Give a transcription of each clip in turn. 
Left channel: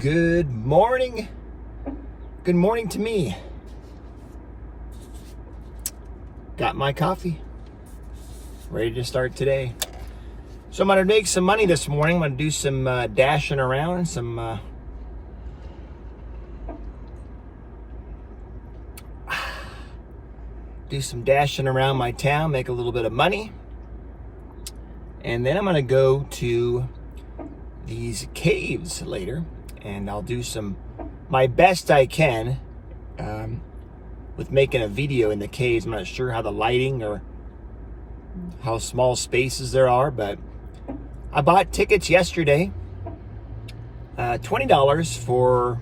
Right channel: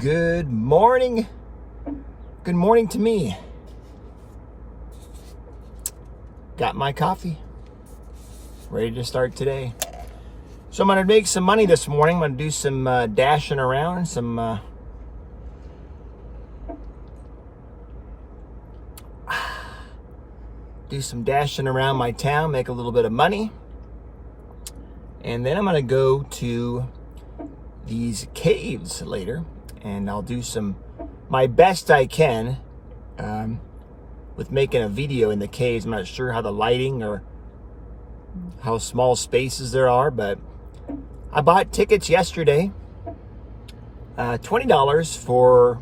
Good morning. Good morning to me. Got my coffee. Ready to start today. So I'm going to make some money this morning. I'm going to do some dashing around, do some dashing around my town, make a little bit of money. And then I'm going to go to these caves later, and I'll do my best I can with making a video in the caves. I'm not sure how the lighting or how small spaces there are, but I bought tickets yesterday, $20 for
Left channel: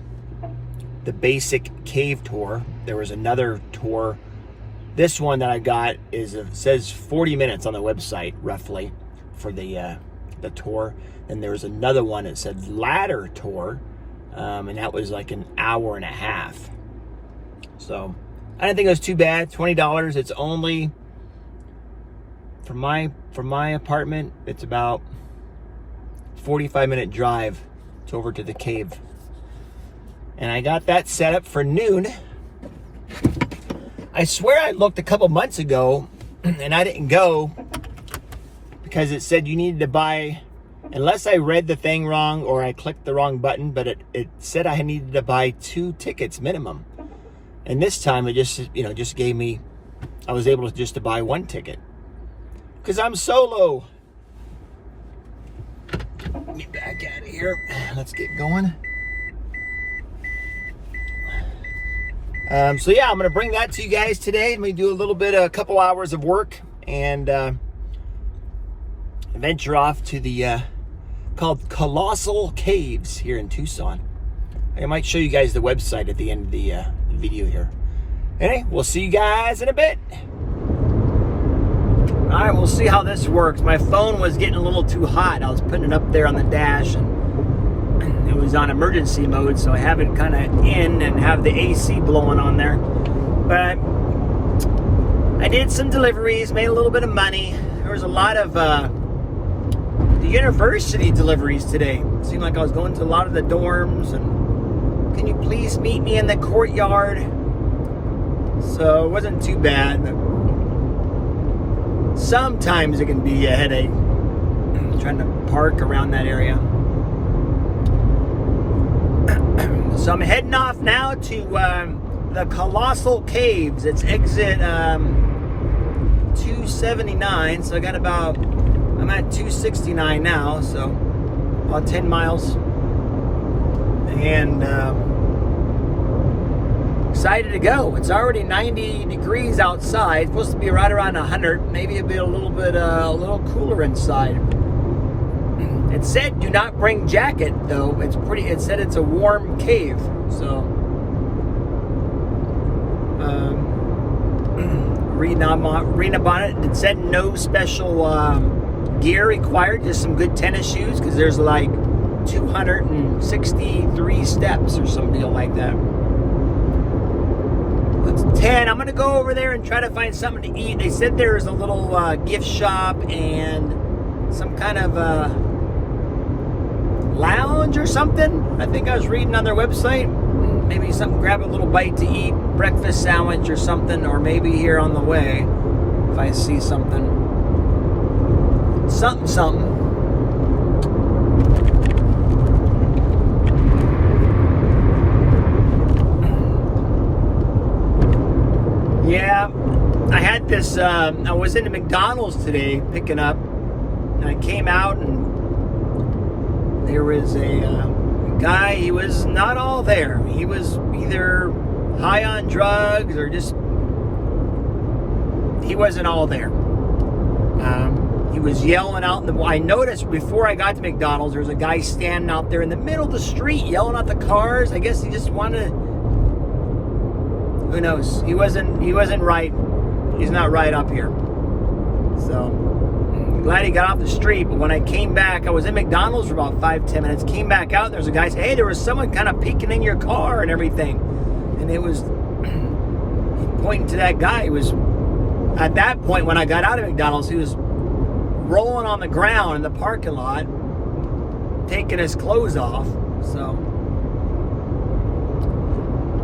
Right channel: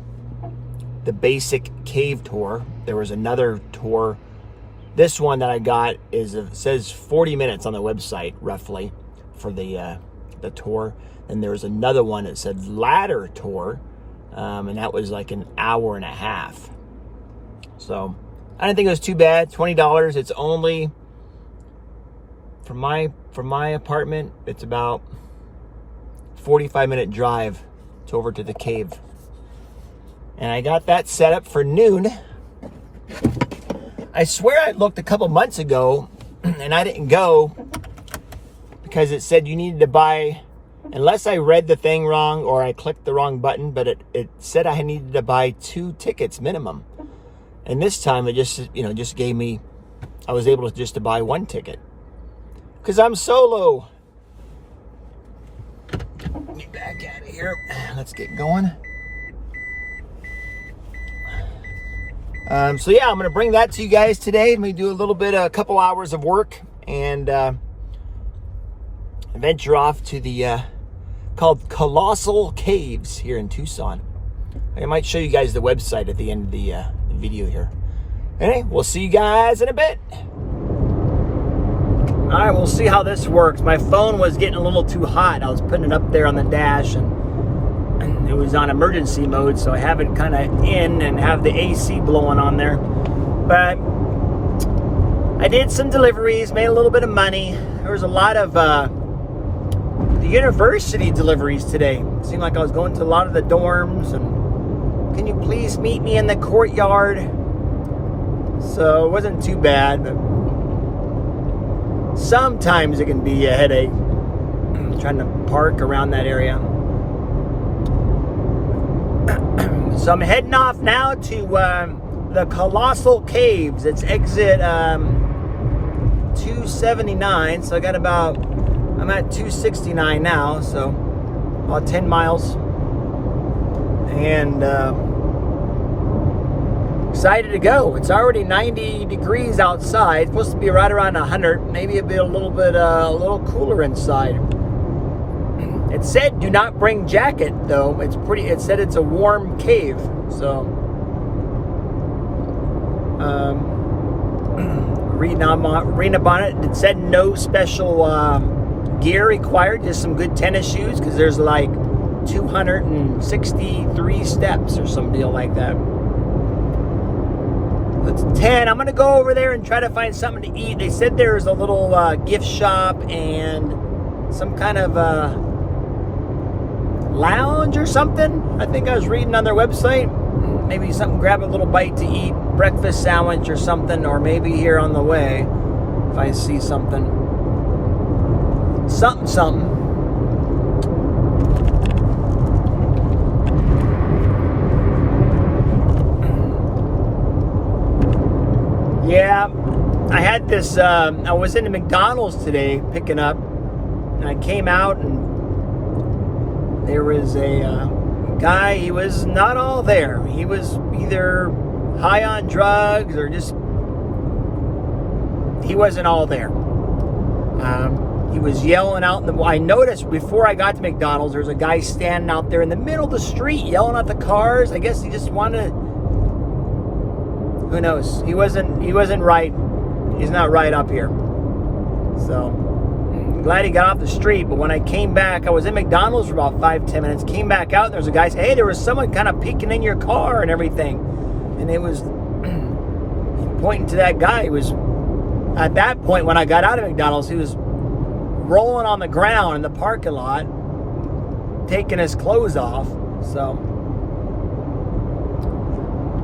the basic cave tour. There was another tour. This one that I got says 40 minutes on the website roughly for the tour. And there was another one that said ladder tour, and that was like an hour and a half. So I didn't think it was too bad. $20. It's only from my apartment. It's about 45-minute drive over to the cave, and I got that set up for noon. I swear I looked a couple months ago, and I didn't go because it said you needed to buy. Unless I read the thing wrong or I clicked the wrong button, but it said I needed to buy 2 tickets minimum. And this time it just gave me, I was able to buy 1 ticket. Because I'm solo. Get back out of here. Let's get going. So yeah, I'm going to bring that to you guys today. Let me do a couple hours of work and venture off to the called Colossal Caves here in Tucson. I might show you guys the website at the end of the video here. Anyway, we'll see you guys in a bit. All right, we'll see how this works. My phone was getting a little too hot. I was putting it up there on the dash, and it was on emergency mode, so I have it kind of in and have the AC blowing on there. But I did some deliveries, made a little bit of money. There was a lot of the university deliveries today. It seemed like I was going to a lot of the dorms, and can you please meet me in the courtyard? So it wasn't too bad, but sometimes it can be a headache trying to park around that area. So I'm heading off now to the Colossal Caves. It's exit 279, so I got I'm at 269 now, so about 10 miles. And excited to go. It's already 90 degrees outside. It's supposed to be right around 100, maybe a little cooler inside. It said do not bring jacket though. It said it's a warm cave, so reading up on it. It said no special gear required, just some good tennis shoes, because there's like 263 steps or some deal like that. It's 10. I'm gonna go over there and try to find something to eat. They said there's a little gift shop and some kind of lounge or something. I think I was reading on their website. Maybe grab a little bite to eat, breakfast sandwich or something, or maybe here on the way if I see something. Something. Yeah, I had this, I was in the McDonald's today picking up, and I came out and there was a guy. He was not all there. He was either high on drugs or he wasn't all there. He was yelling out I noticed before I got to McDonald's, there was a guy standing out there in the middle of the street yelling at the cars. I guess he just wanted, who knows? He wasn't right. He's not right up here. So I'm glad he got off the street. But when I came back, I was in McDonald's for about 5-10 minutes. Came back out, and there was a guy saying, hey, there was someone kind of peeking in your car and everything. And it was pointing to that guy. He was, at that point when I got out of McDonald's, he was rolling on the ground in the parking lot, taking his clothes off. So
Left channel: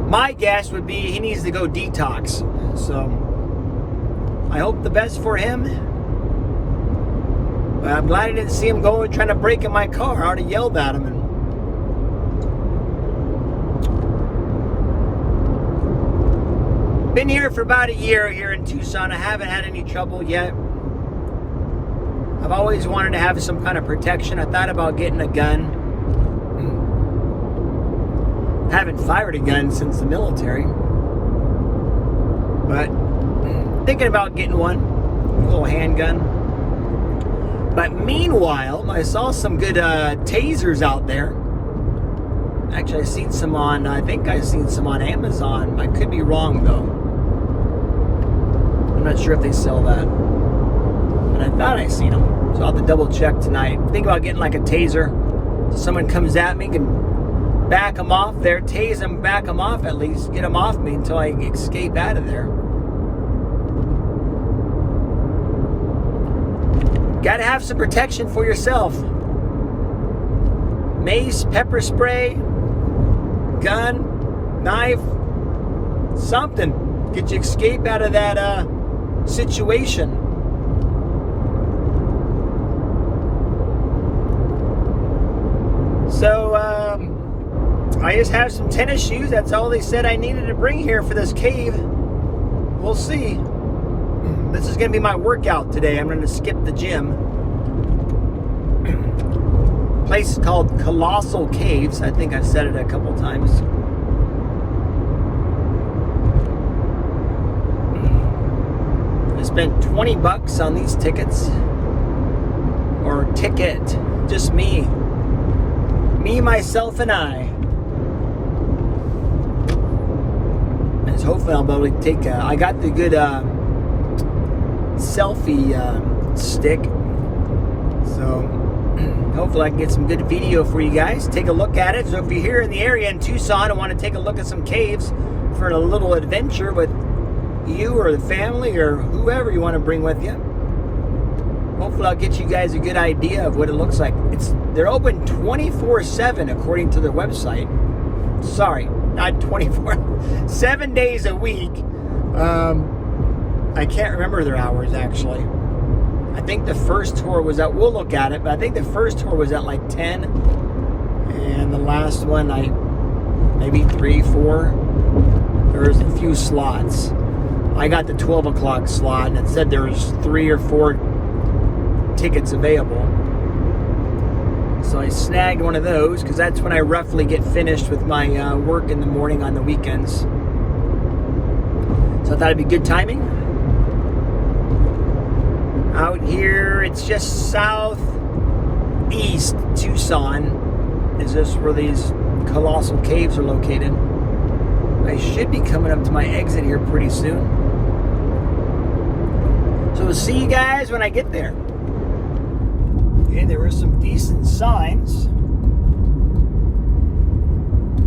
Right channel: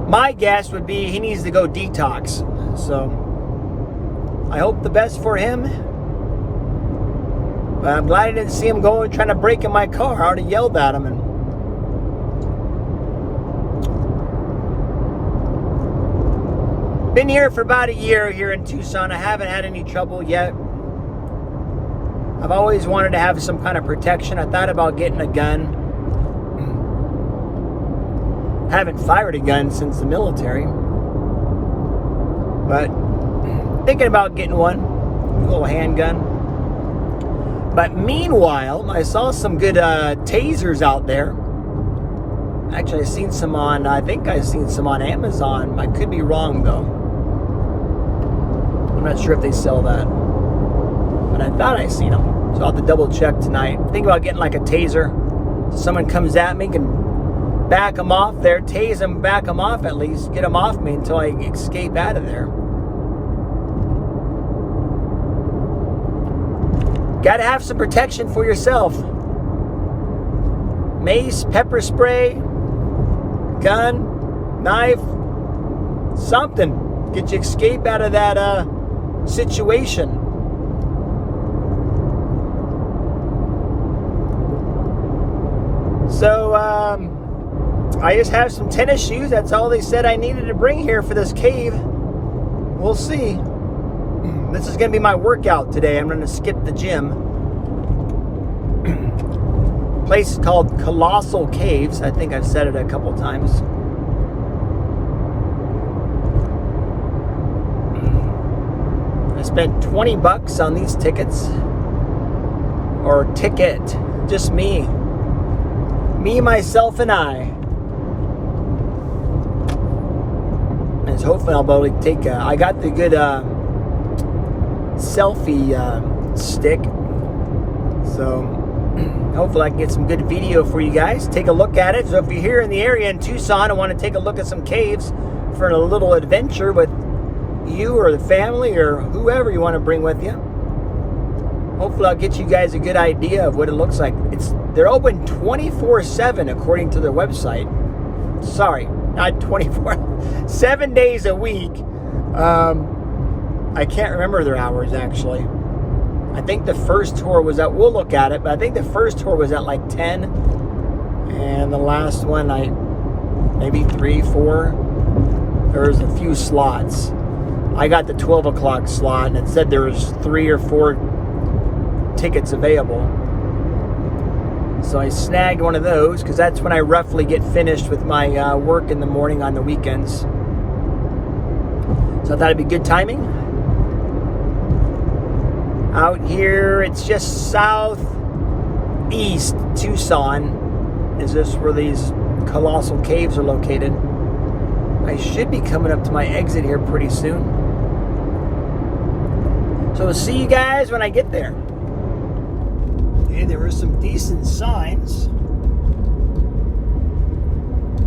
my guess would be he needs to go detox. So I hope the best for him. But I'm glad I didn't see him going trying to break in my car. I already yelled at him. And been here for about a year here in Tucson. I haven't had any trouble yet. I've always wanted to have some kind of protection. I thought about getting a gun. Haven't fired a gun since the military. But thinking about getting one. A little handgun. But meanwhile, I saw some good tasers out there. Actually, I think I've seen some on Amazon. I could be wrong, though. I'm not sure if they sell that. But I thought I seen them. So I'll have to double check tonight. Think about getting like a taser. So someone comes at me, can back them off there, tase them, back them off at least, get them off me until I escape out of there. Got to have some protection for yourself. Mace, pepper spray, gun, knife, something. Get you escape out of that situation. So, I just have some tennis shoes. That's all they said I needed to bring here for this cave. We'll see. This is going to be my workout today. I'm going to skip the gym. Place is called Colossal Caves. I think I've said it a couple times. I spent $20 on these tickets. Or ticket. Just me. Me, myself, and I. And hopefully I'll be able to take I got the good selfie stick, so hopefully I can get some good video for you guys. Take a look at it. So if you're here in the area in Tucson and want to take a look at some caves for a little adventure with you or the family or whoever you want to bring with you, hopefully I'll get you guys a good idea of what it looks like. They're open 24/7 according to the website. Sorry, not 24, 7 days a week. I can't remember their hours, actually. I think the first tour was at, we'll look at it, but I think the first tour was at like 10. And the last one, maybe 3, 4. There's a few slots. I got the 12 o'clock slot, and it said there was 3 or 4 tickets available. So I snagged one of those, because that's when I roughly get finished with my work in the morning on the weekends. So I thought it'd be good timing. Out here, it's just southeast Tucson. Is this where these Colossal Caves are located? I should be coming up to my exit here pretty soon. So we'll see you guys when I get there. Okay, there were some decent signs.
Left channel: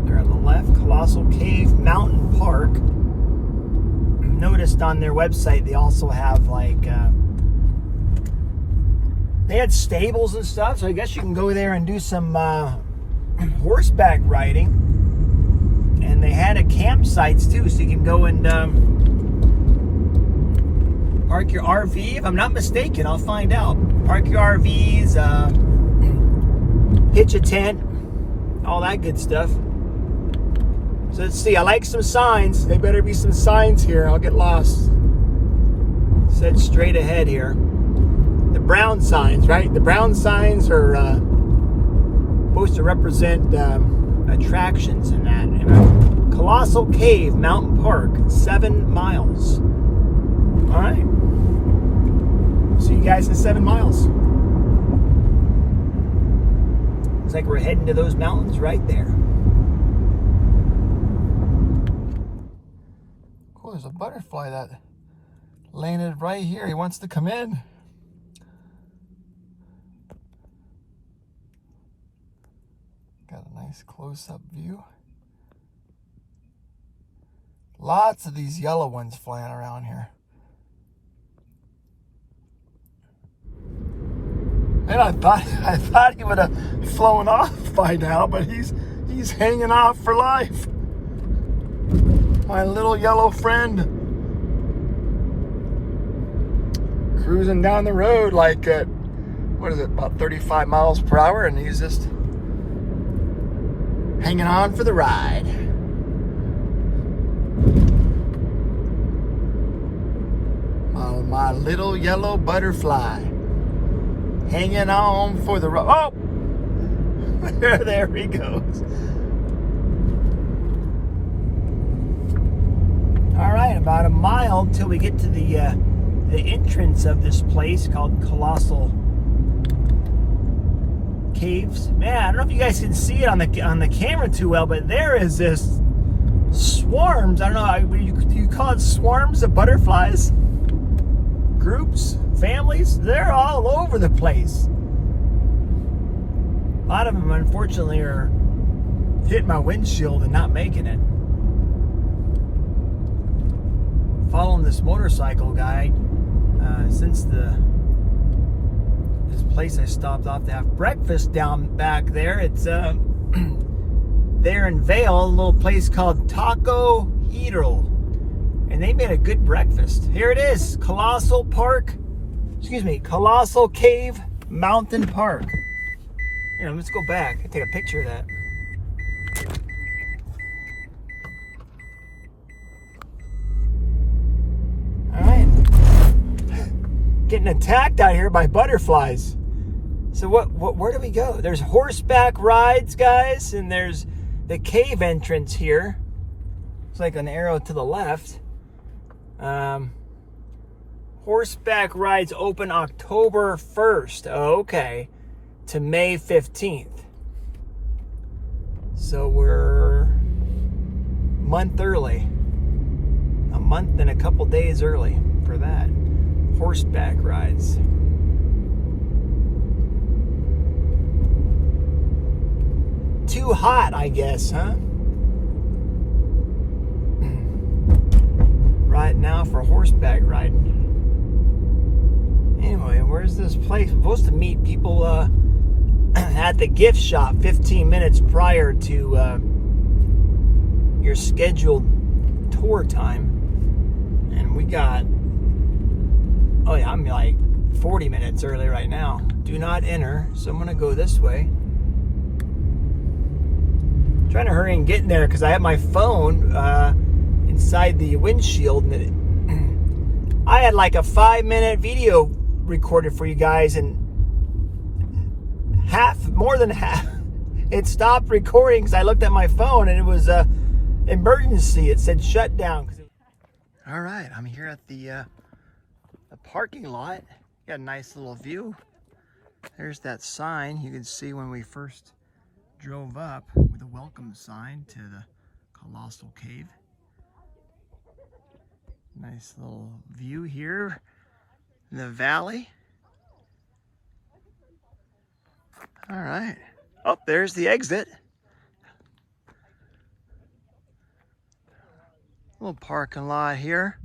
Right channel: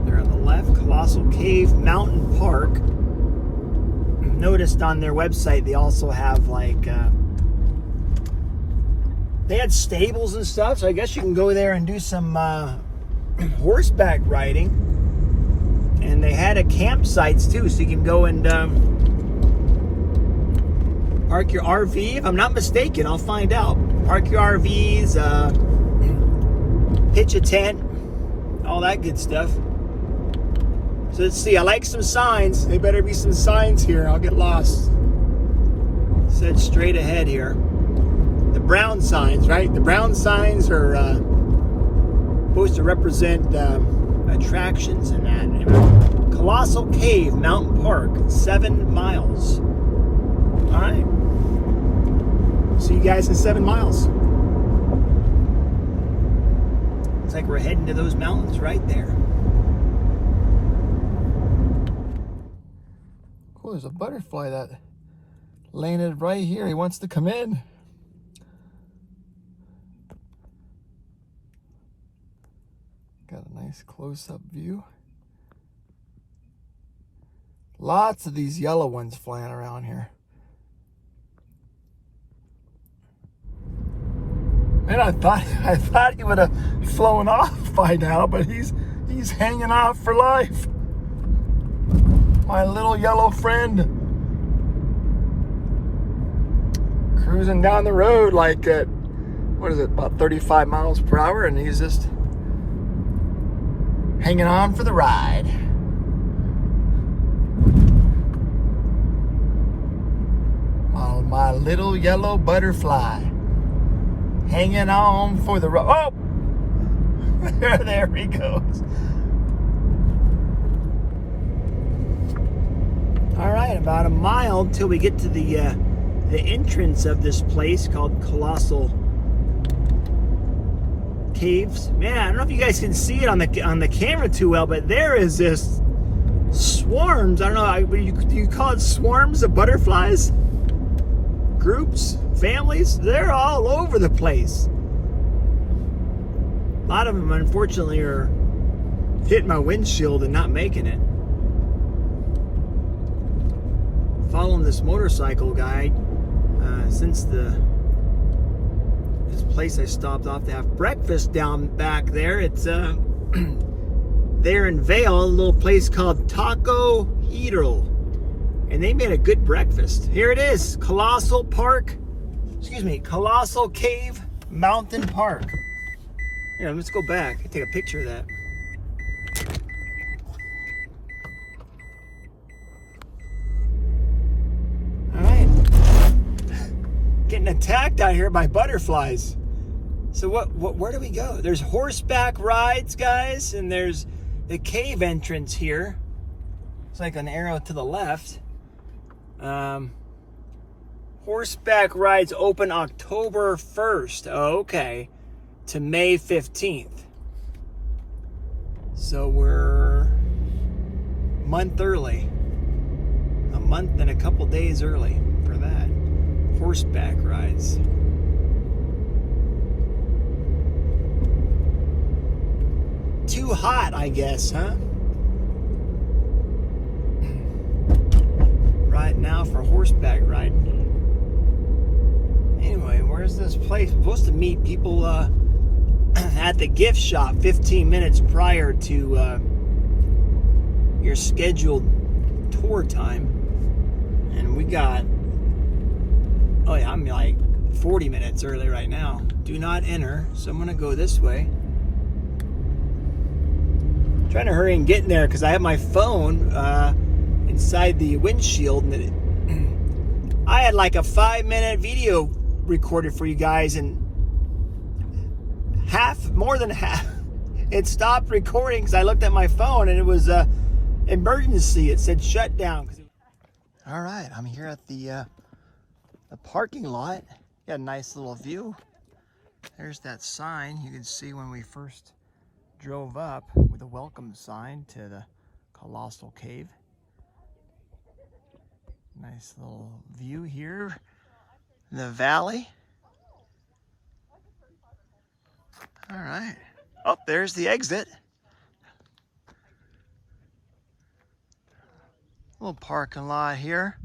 There on the left, Colossal Cave Mountain Park. Noticed on their website they also have like they had stables and stuff, so I guess you can go there and do some horseback riding. And they had a campsites too, so you can go and park your RV. If I'm not mistaken, I'll find out. Park your RVs, pitch a tent, all that good stuff. So let's see, I like some signs. There better be some signs here. I'll get lost. Said straight ahead here. The brown signs, right? The brown signs are supposed to represent attractions and that. Colossal Cave Mountain Park, 7 miles. All right. See you guys in 7 miles. Looks like we're heading to those mountains right there. Oh, there's a butterfly that landed right here. He wants to come in. Got a nice close-up view. Lots of these yellow ones flying around here. And I thought he would have flown off by now, but he's hanging off for life. My little yellow friend. Cruising down the road like at, what is it, about 35 miles per hour, and he's just hanging on for the ride. My little yellow butterfly hanging on for the ride. Oh! There he goes. All right, about a mile till we get to the entrance of this place called Colossal Caves. Man, I don't know if you guys can see it on the camera too well, but there is this swarms. I don't know. Do you call it swarms of butterflies? Groups, families. They're all over the place. A lot of them, unfortunately, are hitting my windshield and not making it. Following this motorcycle guy since this place I stopped off to have breakfast down back there. It's there in Vail, a little place called Taco Hidro, and they made a good breakfast. Here it is, Colossal Cave Mountain Park. Yeah, let's go back and take a picture of that. Getting attacked out here by butterflies. So where do we go? There's horseback rides, guys, and there's the cave entrance here. It's like an arrow to the left. Horseback rides open October 1st. Oh, okay. To May 15th. So we're a month early. A month and a couple days early for that. Horseback rides. Too hot, I guess, huh? Right now for horseback riding. Anyway, where's this place? We're supposed to meet people at the gift shop 15 minutes prior to your scheduled tour time. And we got, oh yeah, I'm like 40 minutes early right now. Do not enter, so I'm gonna go this way. I'm trying to hurry and get in there because I have my phone inside the windshield. And I had like a 5-minute video recorded for you guys, and more than half, it stopped recording because I looked at my phone and it was emergency. It said shut down. All right, I'm here at the parking lot. Got a nice little view. There's that sign you can see when we first drove up with a welcome sign to the Colossal Cave. Nice little view here in the valley. All right. Oh, there's the exit. Little parking lot here.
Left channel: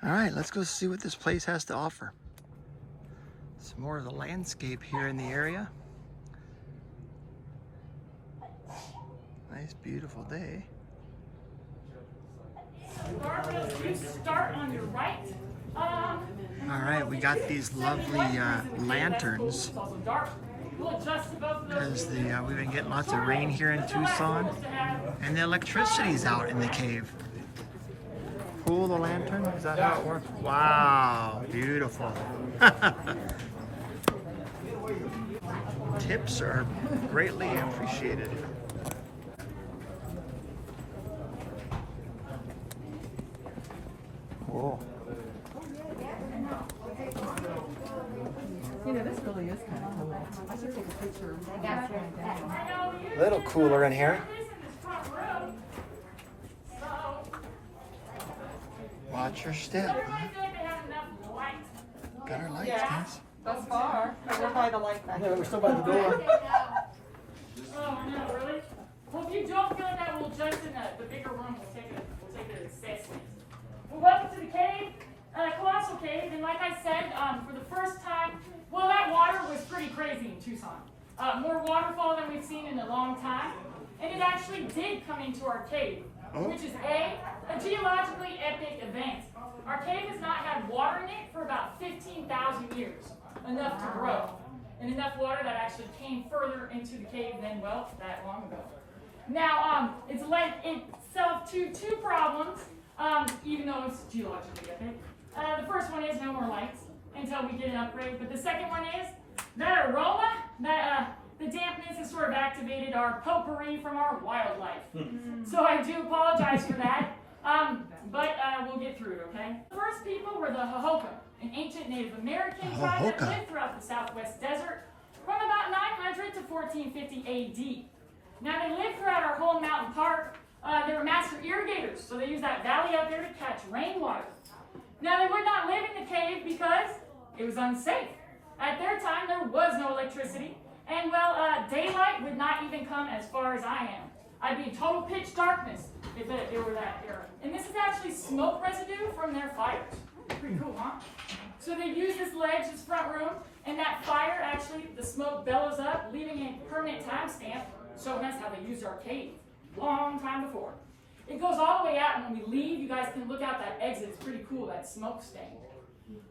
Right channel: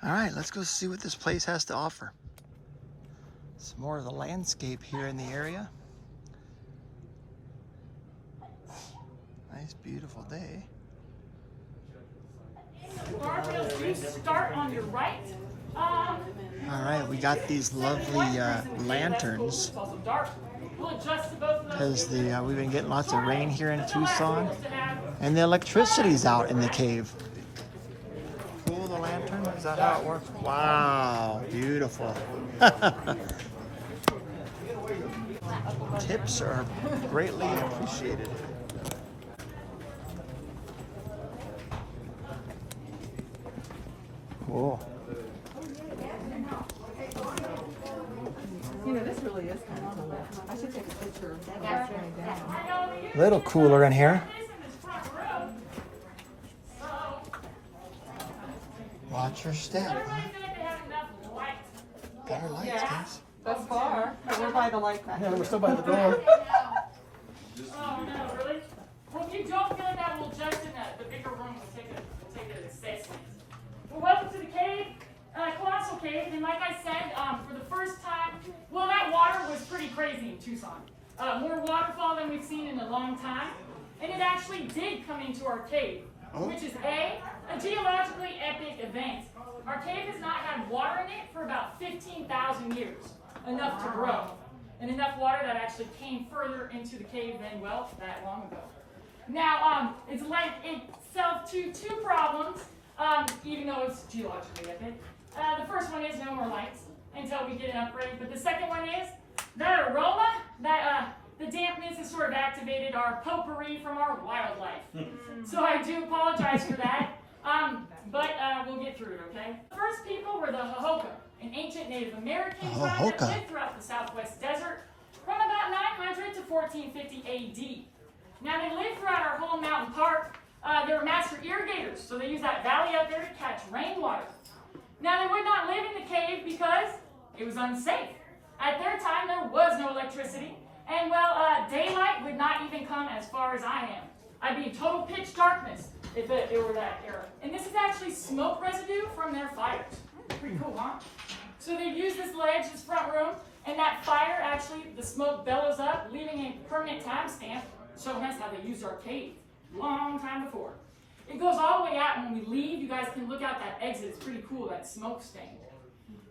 All right, let's go see what this place has to offer. Some more of the landscape here in the area. Nice, beautiful day. Start on your right. All right, we got these lovely lanterns because we've been getting lots of rain here in Tucson, and the electricity's out in the cave. Pull the lantern, is that how it works? Wow, beautiful. Tips are greatly appreciated. Cool. You know, this really is kind of cool. I should take a picture of that right now. A little cooler in here. Watch your step, huh? Got our lights, guys. Thus far, we're by the light back. No, we're still by the door. Oh no, really? Well, if you don't feel like that, we'll just in the bigger room. We'll take it as assessment. Well, welcome to the cave, Colossal Cave. And like I said, for the first time, well, that water was pretty crazy in Tucson. more waterfall than we've seen in a long time. And it actually did come into our cave, which is a geologically epic event. Our cave has not had water in it for about 15,000 years, enough to grow. And enough water that actually came further into the cave than, well, that long ago. Now, it's led itself to two problems, even though it's geologically epic. The first one is no more lights until we get an upgrade, but the second one is that aroma, the dampness has sort of activated our potpourri from our wildlife. So I do apologize for that, but we'll get through it, okay? The first people were the Hohokam, an ancient Native American tribe that lived throughout the Southwest Desert from about 900 to 1450 AD. Now they lived throughout our whole mountain park. They were master irrigators, so they used that valley out there to catch rainwater. Now they would not live in the cave because it was unsafe. At their time, there was no electricity, and well, daylight would not even come as far as I am. I'd be in total pitch darkness if it were that era. And this is actually smoke residue from their fires. Pretty cool, huh? So they use this ledge, this front room, and that fire actually, the smoke bellows up, leaving a permanent timestamp showing us how they used our cave long time before. It goes all the way out, and when we leave, you guys can look out that exit. It's pretty cool, that smoke stain.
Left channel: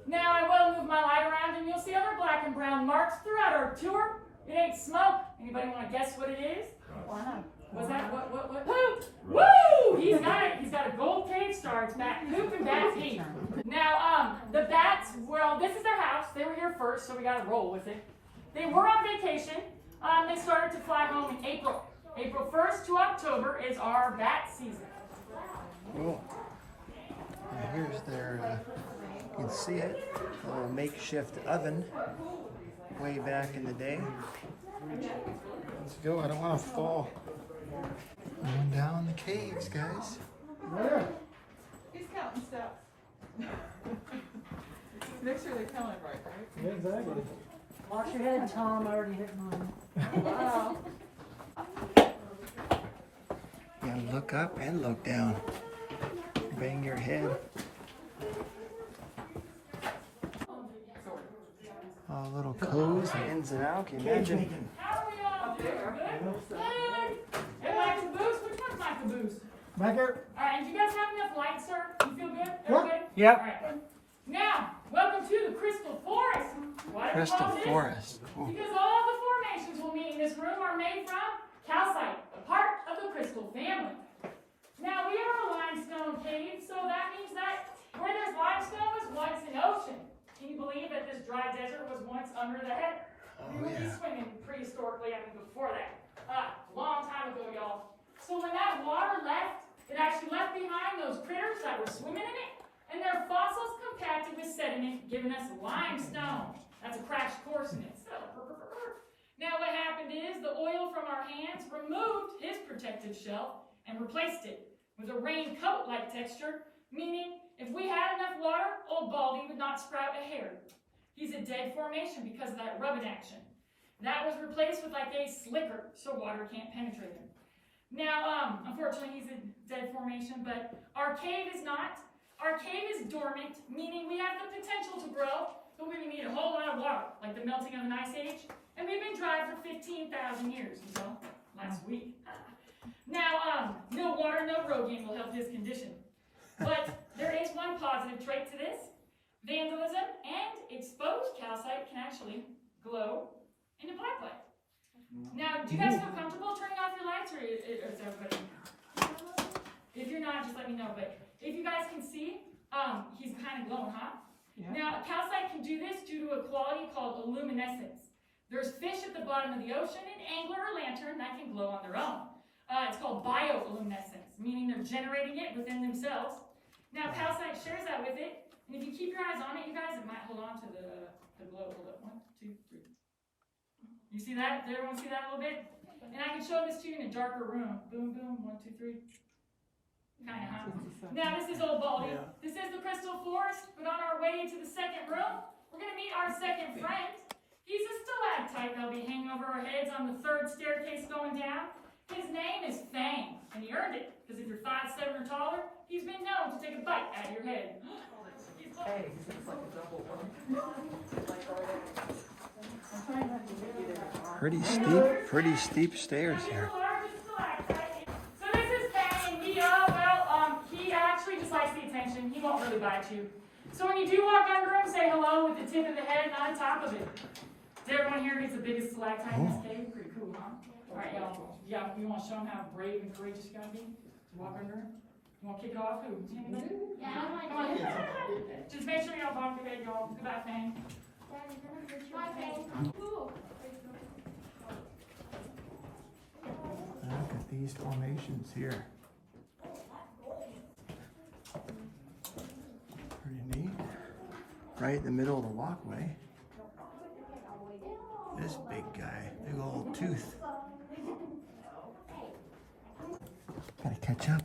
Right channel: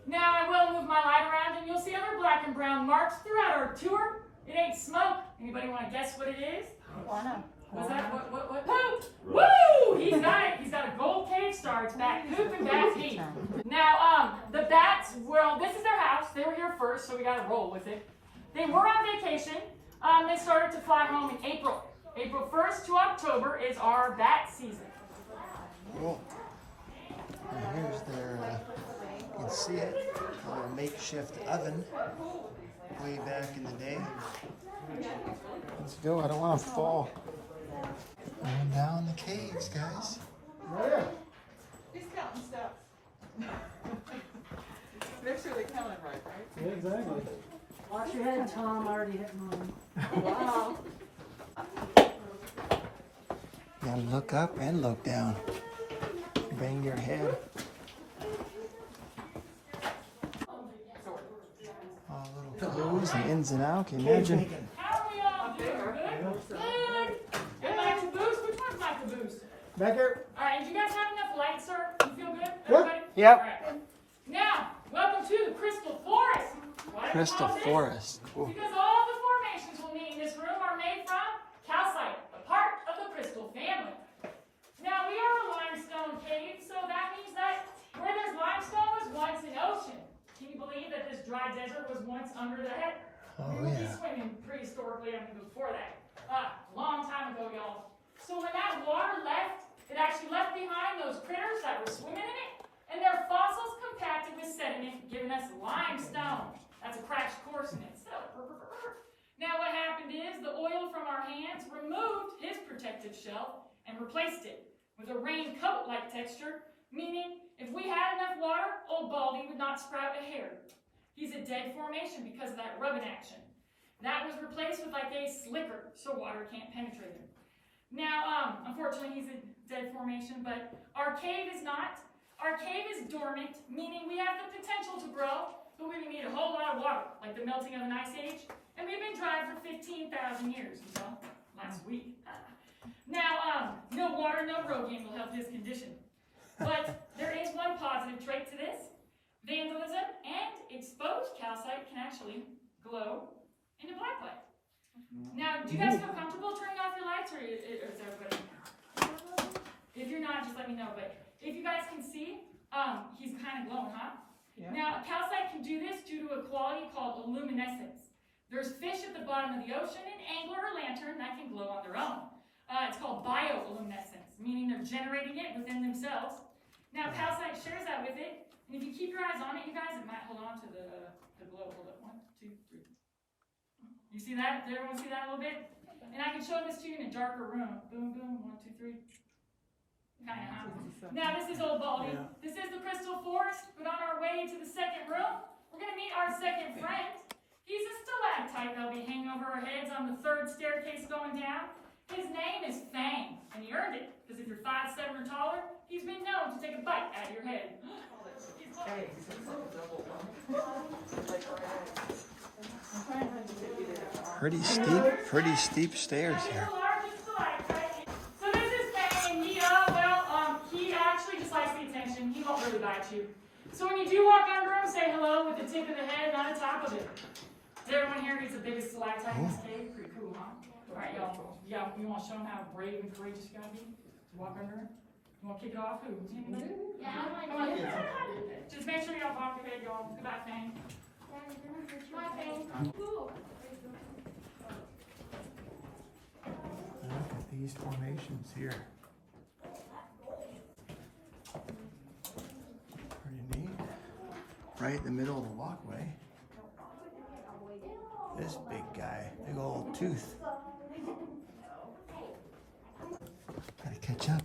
Now I will move my light around, and you'll see other black and brown marks throughout our tour. It ain't smoke. Anybody want to guess what it is? Wow. Was that what? Poop! Woo! He's got it. He's got a gold cave star. It's back. Poop and bat feet. Now, the bats, well, this is their house. They were here first, so we got to roll with it. They were on vacation. They started to fly home in April. April 1st to October is our bat season. Cool. And here's their, you can see it, a little makeshift oven way back in the day. Let's go, I don't want to fall. Going down the caves, guys. He's counting stuff. Make sure they count it right? Exactly. Watch your head, Tom. I already hit mine. Wow. And look up and look down. Bang your head. All little codes and ins and outs. Can you imagine? How are we all doing? Good? Good? And my caboose? Which one's my caboose? Back here. All right, and do you guys have enough light, sir? You feel good? Yep. Everybody? Yep. All right. Now, welcome to the Crystal Forest. Why do we Crystal call this? Forest. Cool. Because all the formations we'll meet in this room are made from calcite, a part of the crystal family. Now, we are a limestone cave, so that means that where there's limestone was once an ocean. Can you believe that this dry desert was once under the head? Oh, We would be yeah. swimming prehistorically, I mean before that. Long time ago, y'all. So when that water left, it actually left behind those critters that were swimming in it, and their fossils compacted with sediment, giving us limestone. That's a crash course in itself. Now what happened is the oil from our hands removed his protective shell and replaced it with a raincoat-like texture, meaning if we had enough water, old Baldy would not sprout a hair. He's a dead formation because of that rubbing action. That was replaced with like a slicker, so water can't penetrate him. Now, unfortunately, he's a dead formation, but our cave is not. Our cave is dormant, meaning we have the potential to grow, but we would need a whole lot of water, like the melting of an ice age, and we've been dry for 15,000 years until last week. Now, no water, no Rogaine will help his condition. But there is one positive trait to this. Vandalism and exposed calcite can actually glow into black light. Now, do you guys feel comfortable turning off your lights, or is everybody? If you're not, just let me know. But if you guys can see, he's kind of glowing, huh? Yeah. Now, calcite can do this due to a quality called luminescence. There's fish at the bottom of the ocean, an angler or lantern that can glow on their own. It's called bioluminescence, meaning they're generating it within themselves. Now, calcite shares that with it, and if you keep your eyes on it, you guys, it might hold on to the glow. Hold up, 1, 2, 3. You see that? Did everyone see that a little bit? And I can show this to you in a darker room. Boom, boom, 1, 2, 3. Kind of, huh? Now, this is Old Baldy. Yeah. This is the Crystal Forest, but on our way to the second room, we're going to meet our second friend. He's a stalactite that'll be hanging over our heads on the 3rd staircase going down. His name is Fang, and he earned it, because if you're 5'7" or taller, he's been known to take a bite out of your head. Hey, it's like a double one. Pretty steep stairs here. So this is Fang, and he actually just likes the attention. He won't really bite you. So when you do walk under him, say hello with the tip of the head, not the top of it. Does everyone here gets the biggest stalactite in this cave? Pretty cool, huh? All right, y'all. Yeah, you want to show them how brave and courageous you gotta be to walk under him? You want to kick it off? Who? Anybody? Yeah, Come on. Just make sure you don't bump your head, y'all. Goodbye, Fang. Bye, Fang. Look at these formations here. Pretty neat. Right in the middle of the walkway. This big guy, big old tooth. Gotta catch up.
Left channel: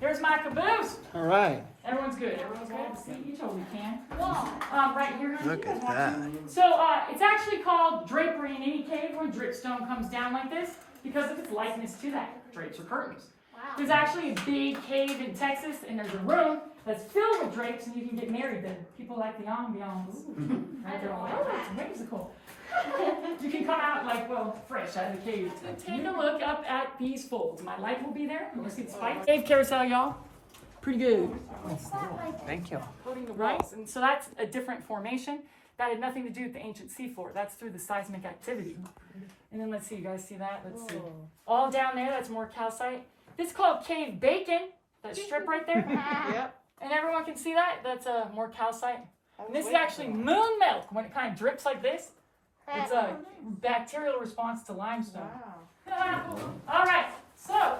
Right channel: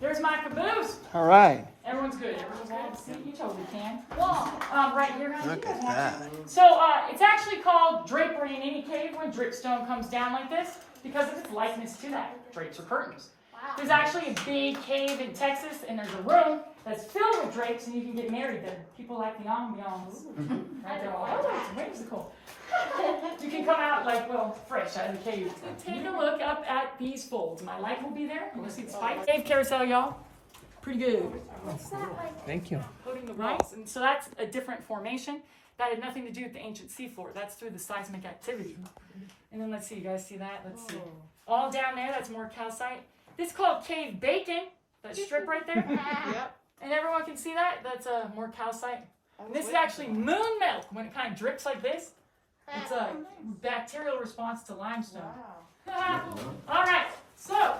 Here's my caboose. All right. Everyone's good. Everyone's good. See each other we can. Right here. Look at that. So it's actually called drapery in any cave when dripstone comes down like this because of its likeness to that. Drapes or curtains. There's actually a big cave in Texas, and there's a room that's filled with drapes, and you can get married there. People like the ambiance. Right? They're all, oh, that's whimsical. You can come out like, well, fresh out of the cave. Take a look up at these folds. My light will be there. You'll see the spikes. Cave carousel, y'all. Pretty good. Thank you. Right? And so that's a different formation. That had nothing to do with the ancient seafloor. That's through the seismic activity. And then let's see, you guys see that? Let's see. All down there, that's more calcite. This is called cave bacon. That strip right there. Yep. And everyone can see that? That's more calcite. And this is actually moon milk. When it kind of drips like this, it's a bacterial response to limestone. Wow. All right. So,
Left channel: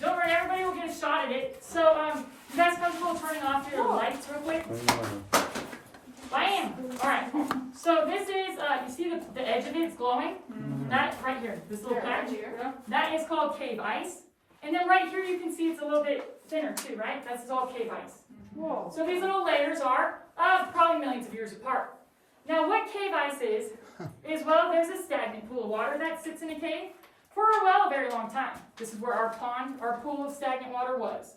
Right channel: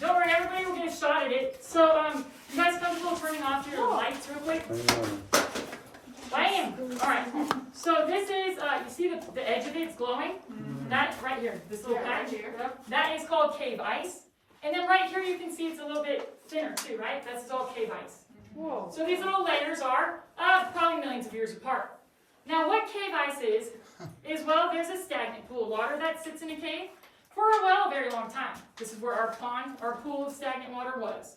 don't worry, everybody will get a shot at it. So, you guys comfortable turning off your lights real quick? Bam! All right. So this is, you see the edge of it, it's glowing? That right here, this little patch. That is called cave ice. And then right here you can see it's a little bit thinner too, right? This is all cave ice. Whoa. So these little layers are probably millions of years apart. Now what cave ice is, well, there's a stagnant pool of water that sits in a cave for a very long time. This is where our pond, our pool of stagnant water was.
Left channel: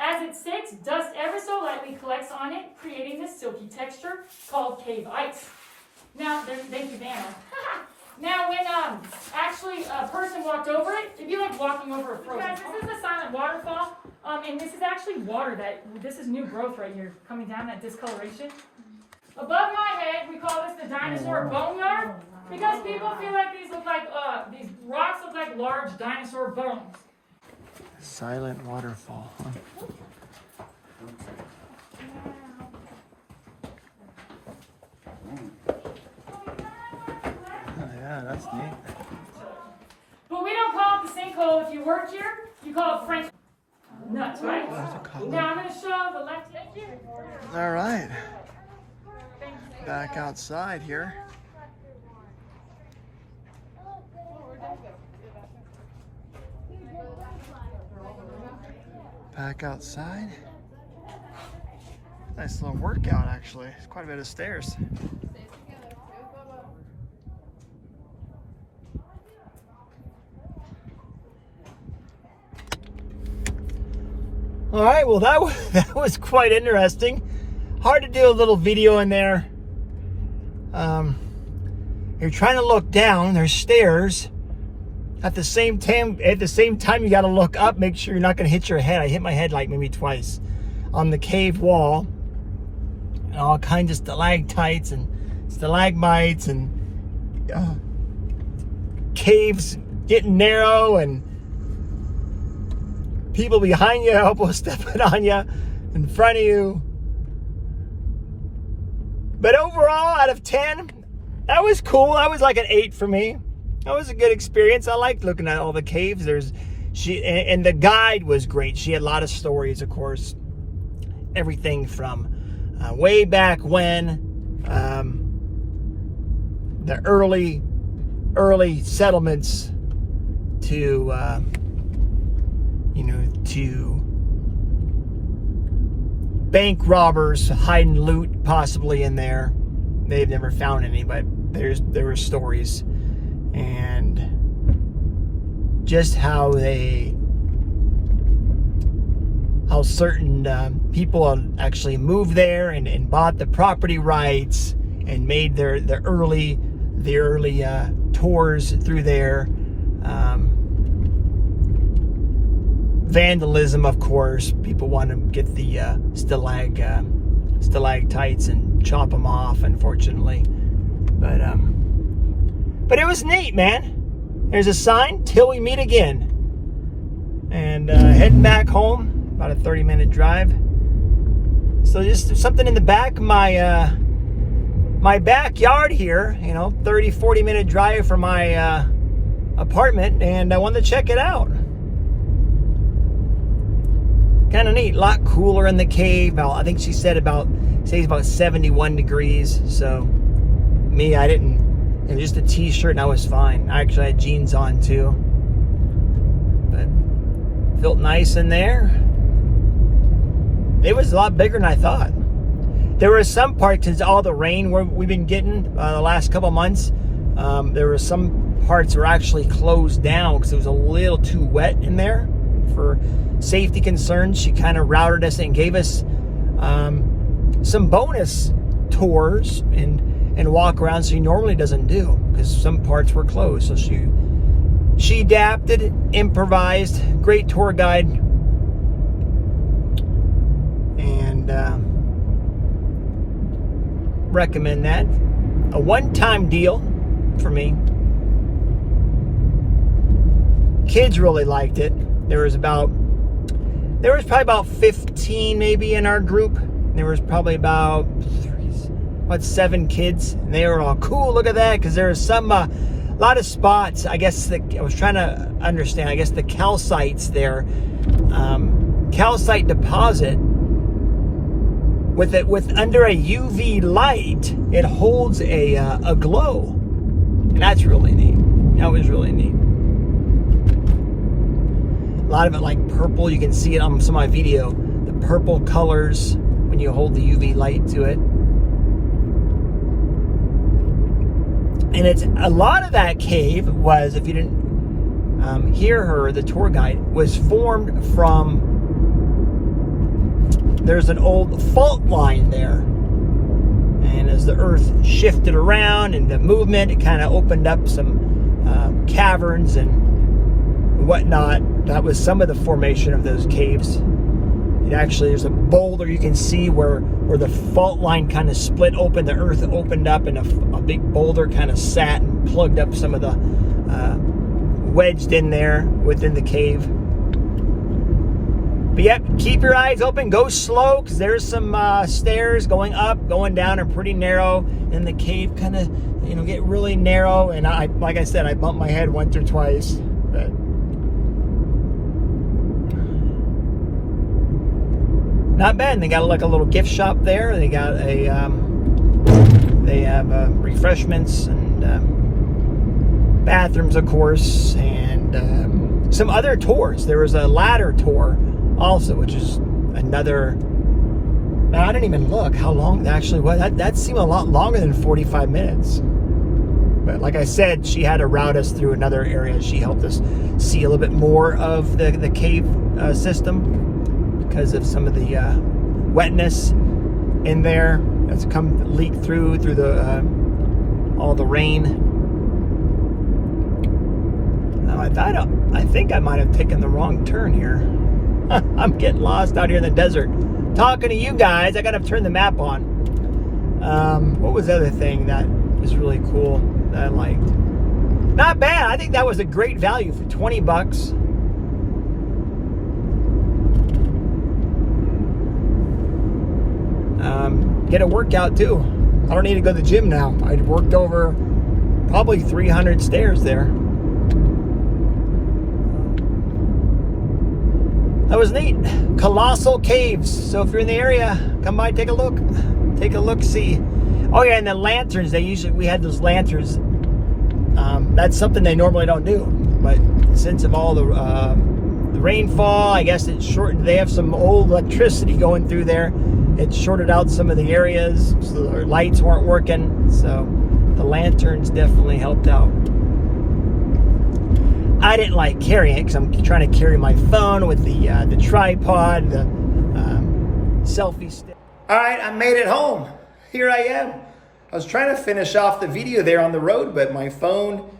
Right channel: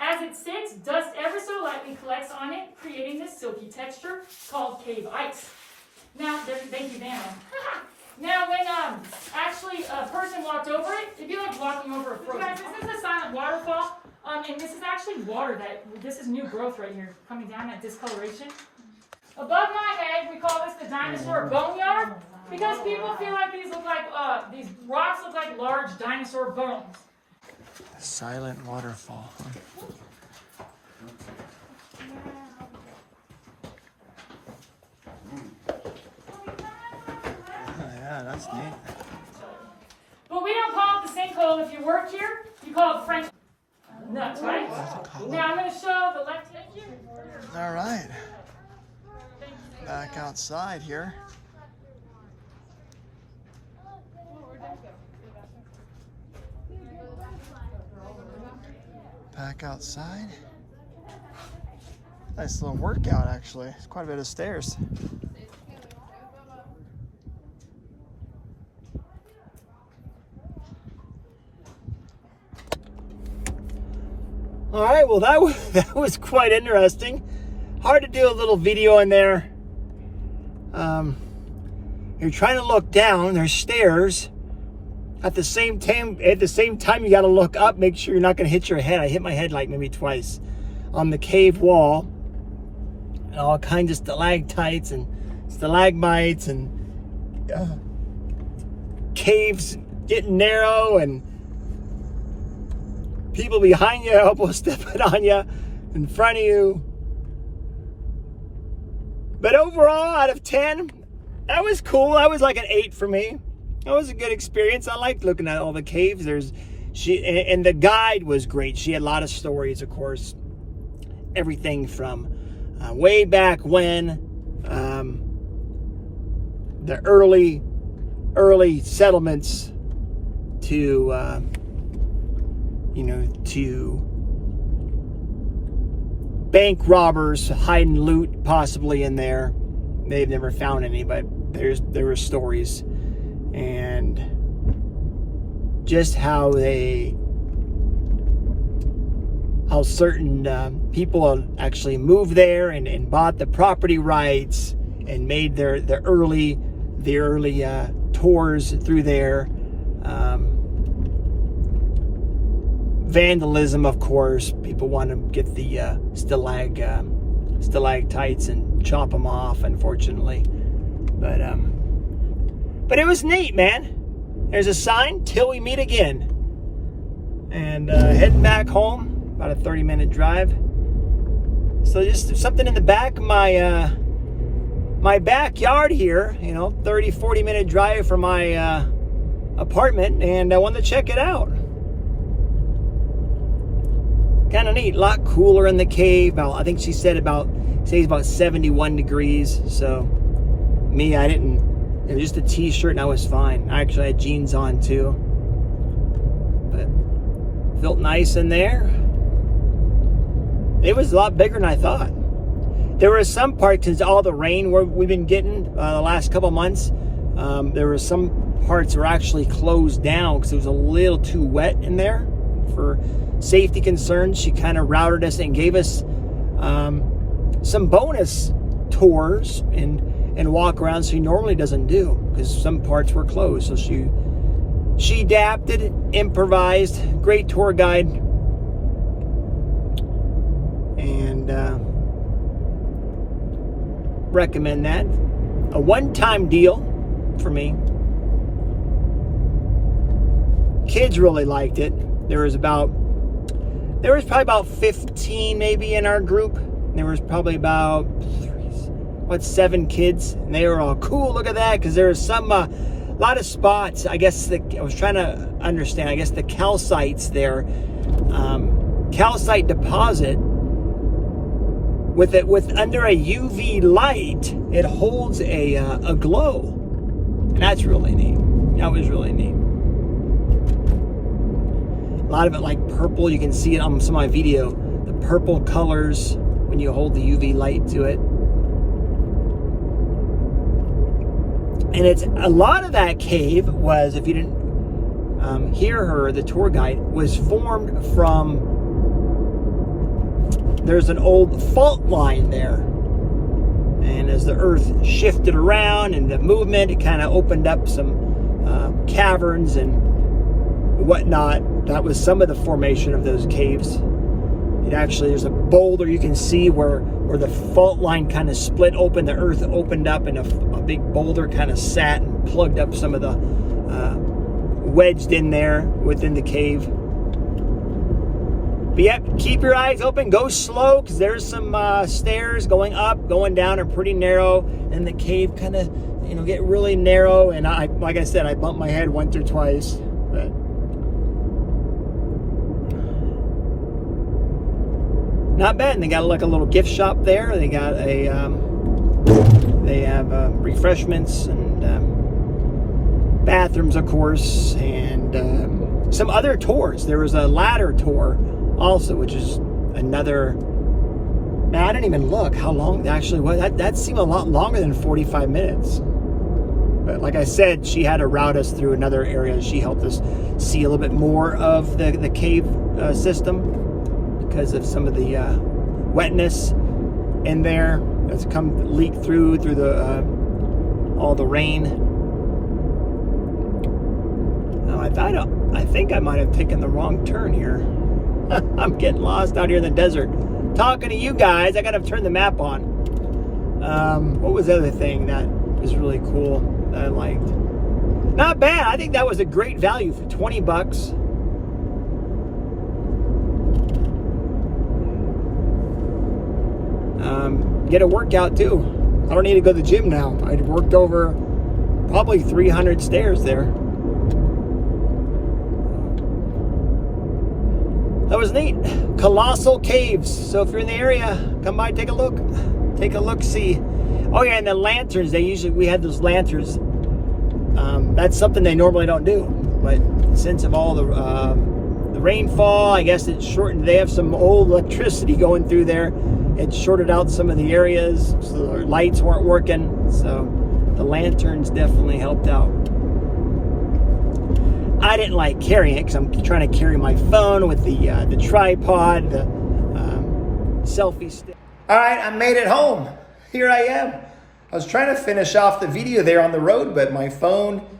As it sits, dust ever so lightly collects on it, creating this silky texture called cave ice. Now, thank you, Vanna. Now, when actually a person walked over it, it'd be like walking over a frozen. Guys, this is a silent waterfall, and this is actually water this is new growth right here, coming down that discoloration. Above my head, we call this the dinosaur boneyard, because people feel like these rocks look like large dinosaur bones. Silent waterfall. Huh? Oh, yeah, that's neat. But we don't call it the sinkhole. If you work here, you call it French nuts, right? Now I'm going to show the left hand here. All right. Back outside here. Back outside. Nice little workout, actually. It's quite a bit of stairs. All right, well that was quite interesting. Hard to do a little video in there. You're trying to look down. There's stairs. At the same time, you got to look up. Make sure you're not going to hit your head. I hit my head like maybe twice on the cave wall, and all kinds of stalactites and stalagmites and caves getting narrow and people behind you elbow stepping on you, in front of you. But overall, out of 10, that was cool. That was like an 8 for me. That was a good experience. I liked looking at all the caves. And the guide was great. She had a lot of stories, of course. Everything from way back when, the early settlements to to bank robbers hiding loot possibly in there. They've never found any, but there were stories. And just how how certain people actually moved there and bought the property rights and made the early tours through there. Vandalism, of course. People want to get the stalactites and chop them off, unfortunately. But it was neat, man. There's a sign, till we meet again. And heading back home, about a 30-minute drive. So just something in the back of my my backyard here, 30, 40-minute drive from my apartment, and I wanted to check it out. Kind of neat, a lot cooler in the cave. I think she said about 71 degrees. So me, I didn't, just a t-shirt and I was fine. I actually had jeans on too, but felt nice in there. It was a lot bigger than I thought. There were some parts, since all the rain we've been getting the last couple months, there were some parts were actually closed down because it was a little too wet in there. For safety concerns, she kind of routed us and gave us some bonus tours and walk around she normally doesn't do, because some parts were closed. So she adapted, improvised, great tour guide, and recommend that. A one-time deal for me. Kids really liked it. There was probably about 15 maybe in our group. There was probably about 7 kids, and they were all cool. Look at that, because there was a lot of spots. I guess I was trying to understand. I guess the calcites there, calcite deposit. With under a UV light, it holds a glow, and that's really neat. That was really neat. A lot of it like purple. You can see it on some of my video. The purple colors when you hold the UV light to it. And it's a lot of that cave was, if you didn't hear her, the tour guide, was formed from, there's an old fault line there. And as the earth shifted around and the movement, it kind of opened up some caverns and whatnot. That was some of the formation of those caves. It actually, there's a boulder you can see where the fault line kind of split open, the earth opened up, and a big boulder kind of sat and plugged up some of the wedged in there within the cave. But yep, keep your eyes open, go slow, because there's some stairs going up, going down, are pretty narrow, and the cave kind of get really narrow. And like I said, I bumped my head once or twice, but not bad. And they got like a little gift shop there. They got they have refreshments and bathrooms, of course, and some other tours. There was a ladder tour also, which is another. Man, I didn't even look how long that actually was. That seemed a lot longer than 45 minutes. But like I said, she had to route us through another area. She helped us see a little bit more of the cave system, because of some of the wetness in there that's come leak through the all the rain. I think I might have taken the wrong turn here. I'm getting lost out here in the desert. Talking to you guys, I gotta turn the map on. What was the other thing that was really cool that I liked? Not bad. I think that was a great value for $20. Get a workout too. I don't need to go to the gym now. I worked over probably 300 stairs there. That was neat. Colossal Caves. So if you're in the area, come by, take a look. Take a look, see. Oh yeah, and the lanterns. We had those lanterns. That's something they normally don't do. But since of all the rainfall, I guess it shortened. They have some old electricity going through there. It shorted out some of the areas, so the lights weren't working. So the lanterns definitely helped out. I didn't like carrying it because I'm trying to carry my phone with the tripod. selfie stick. All right, I made it home. Here I am. I was trying to finish off the video there on the road, but my phone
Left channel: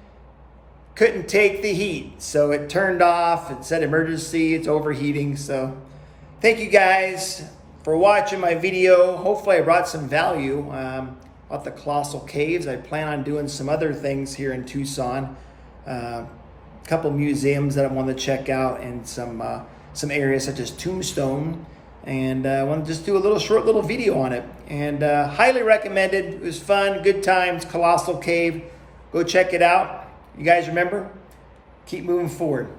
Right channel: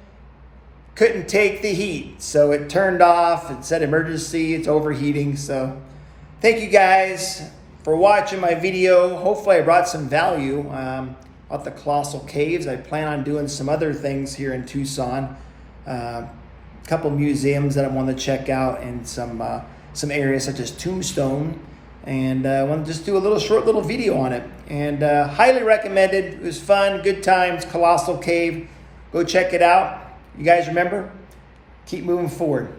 couldn't take the heat. So it turned off. It said emergency. It's overheating. So thank you guys for watching my video. Hopefully I brought some value at the Colossal Caves. I plan on doing some other things here in Tucson. A couple museums that I want to check out, and some areas such as Tombstone. And I want to just do a short little video on it. And highly recommended. It was fun, good times, Colossal Cave. Go check it out. You guys remember, keep moving forward.